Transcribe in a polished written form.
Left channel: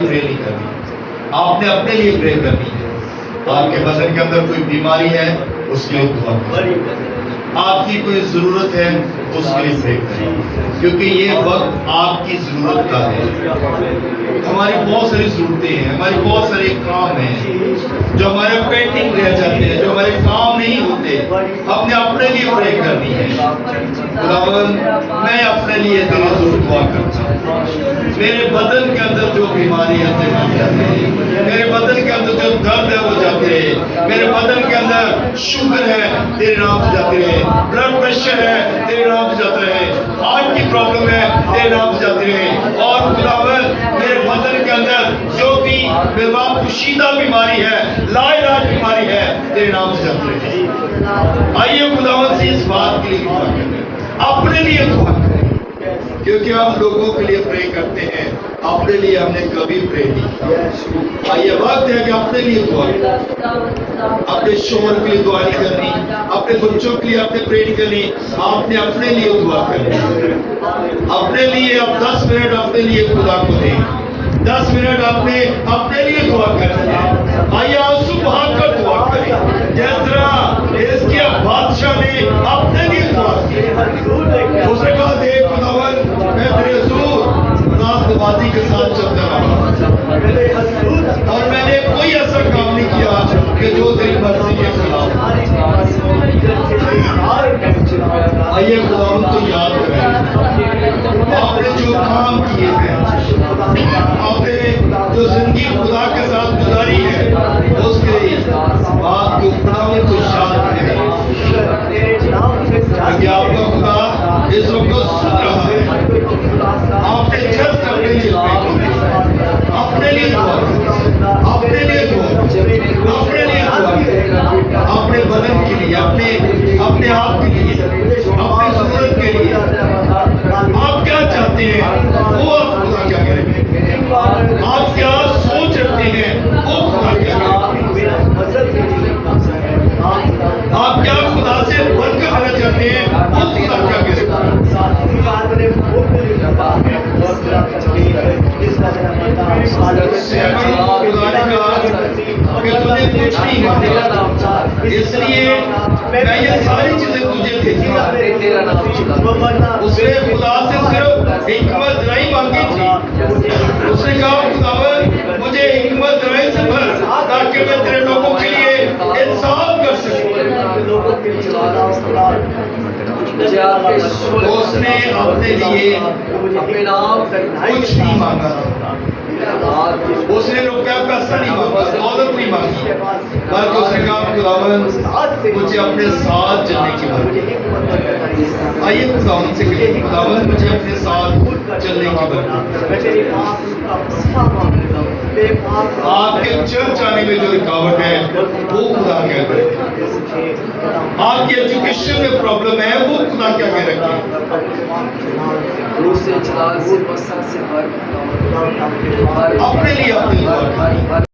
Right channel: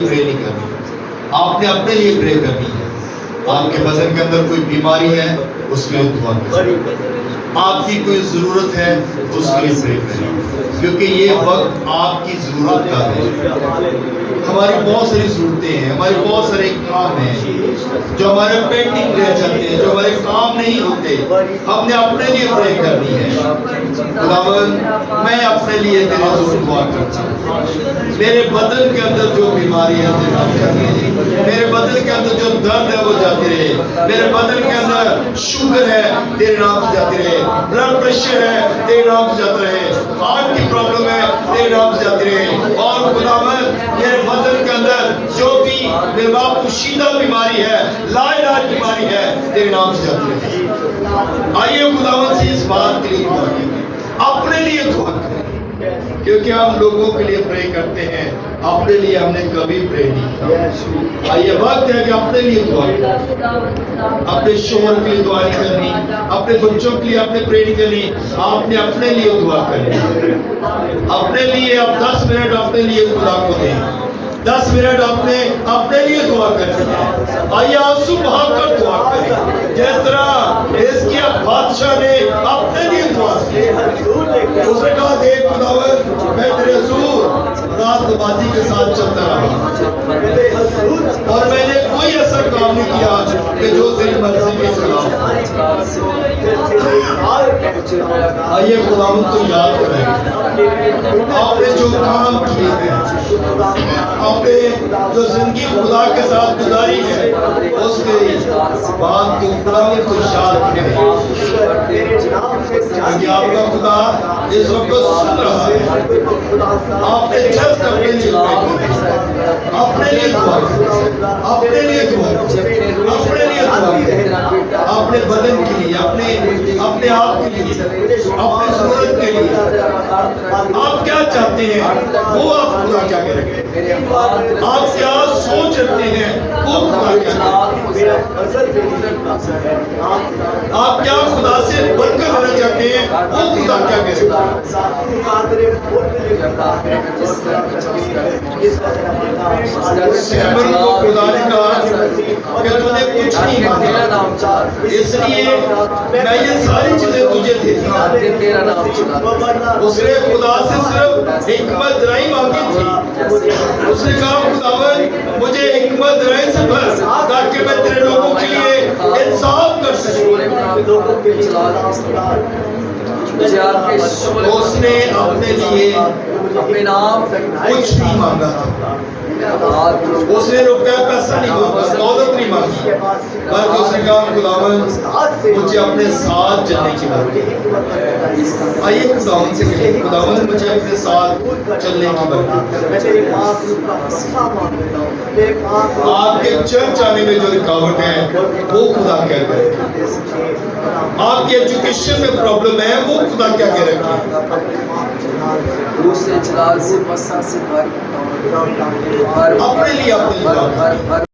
Pray नहीं करनी, आपने अपने लिए प्रे करनी है। आपके बदन के अंदर कोई बीमारी है उसके लिए दुआ करें, आपकी कोई जरूरत है उसके लिए प्रे करें, क्योंकि ये वक्त आपकी जरूरत का है। हमारी बहुत सारी जरूरतें हैं, हमारी बहुत सारे काम हैं जो हमारे पेंडिंग रह जाते हैं, जो हमारे काम नहीं होते। हमने अपने लिए प्रे करनी है। खुदावन, मैं अपने लिए तेरे जरूर दुआ करता हूँ। मेरे बदन के अंदर जो बीमारी है मेरे बदन के अंदर जो दर्द है वो जाते रहे, मेरे बदन के अंदर शुगर है तेरे नाम से जाते रहे, ब्लड प्रेशर है तेरे नाम से जाते रहे, हार्ट की प्रॉब्लम है तेरे नाम से जाते रहे। और खुदावन, मेरे बदन के अंदर जो भी बेवापुशीदा बीमारी है, लाइलाज बीमारी है, तेरे नाम से जाते रहे। आइए खुदावन से इस बात के लिए दुआ करें, अपने लिए दुआ करें, क्योंकि हम लोगों के लिए प्रे करते हैं, अपने लिए हमने कभी प्रे नहीं किया। ये वक्त है कि अपने लिए दुआ करें, अपने शोहर के लिए दुआ नहीं करनी, अपने बच्चों के लिए आपने प्रे नहीं करनी, आपने अपने लिए दुआ करनी। अपने लिए आप 10 मिनट अपने लिए खुदा को दें, 10 मिनट आपने अपने लिए दुआ करनी है। आइए आंसू बहाकर दुआ करें, जिस तरह हिजकिय्याह बादशाह ने अपने लिए दुआ की। उसने कहा, देख खुदावन, मैं तेरे हुजूर रास्तबाजी के साथ चलता रहा और मैंने कोई ऐसा काम नहीं किया कि जो तेरी मर्जी के खिलाफ। आइए खुदावन को याद करें, आपने जो काम किए हैं, आपने जो जिंदगी खुदा के साथ गुजारी है, उसके बात को खुदावन को याद करें, क्योंकि आपका खुदा इस वक्त सुन रहा है। आपने जस्ट अपने लिए अपने लिए दुआ अपने लिए दुआ अपने लिए दुआ, अपने बदन के लिए, अपने आप के लिए, अपनी जरूरत के लिए आप क्या चाहते हैं वो आप खुदा क्या करेंगे, आप क्या सोच रखते हैं वो खुदा क्या करेंगे, आप क्या खुदा से बरकत लेना चाहते हैं वो खुदा क्या करेगा। खुदा ने कहा कि तुझे कुछ नहीं मांगा, इसलिए मैं ये सारी चीजें तुझे देता हूँ। उसने खुदा से सिर्फ हिकमत नहीं मांगी थी, उसने कहा, खुदावन मुझे हिकमत राय से भर ताकि मैं तेरे लोगों के लिए इंसाफ कर सकूं। उसने अपने लिए कुछ नहीं मांगा था, उसने रुपया पैसा नहीं मांगा, दौलत नहीं मांगी, बल्कि उसने कहा, खुदावन मुझे अपने साथ चलने की बरकत। आइए खुदावन से कहिए, खुदावन मुझे अपने साथ चलने की बरकत। आपके चर्च आने में जो रुकावट है वो खुदा क्या करे, आपकी एजुकेशन में प्रॉब्लम है वो खुदा क्या कह रखे, अपने लिए अपनी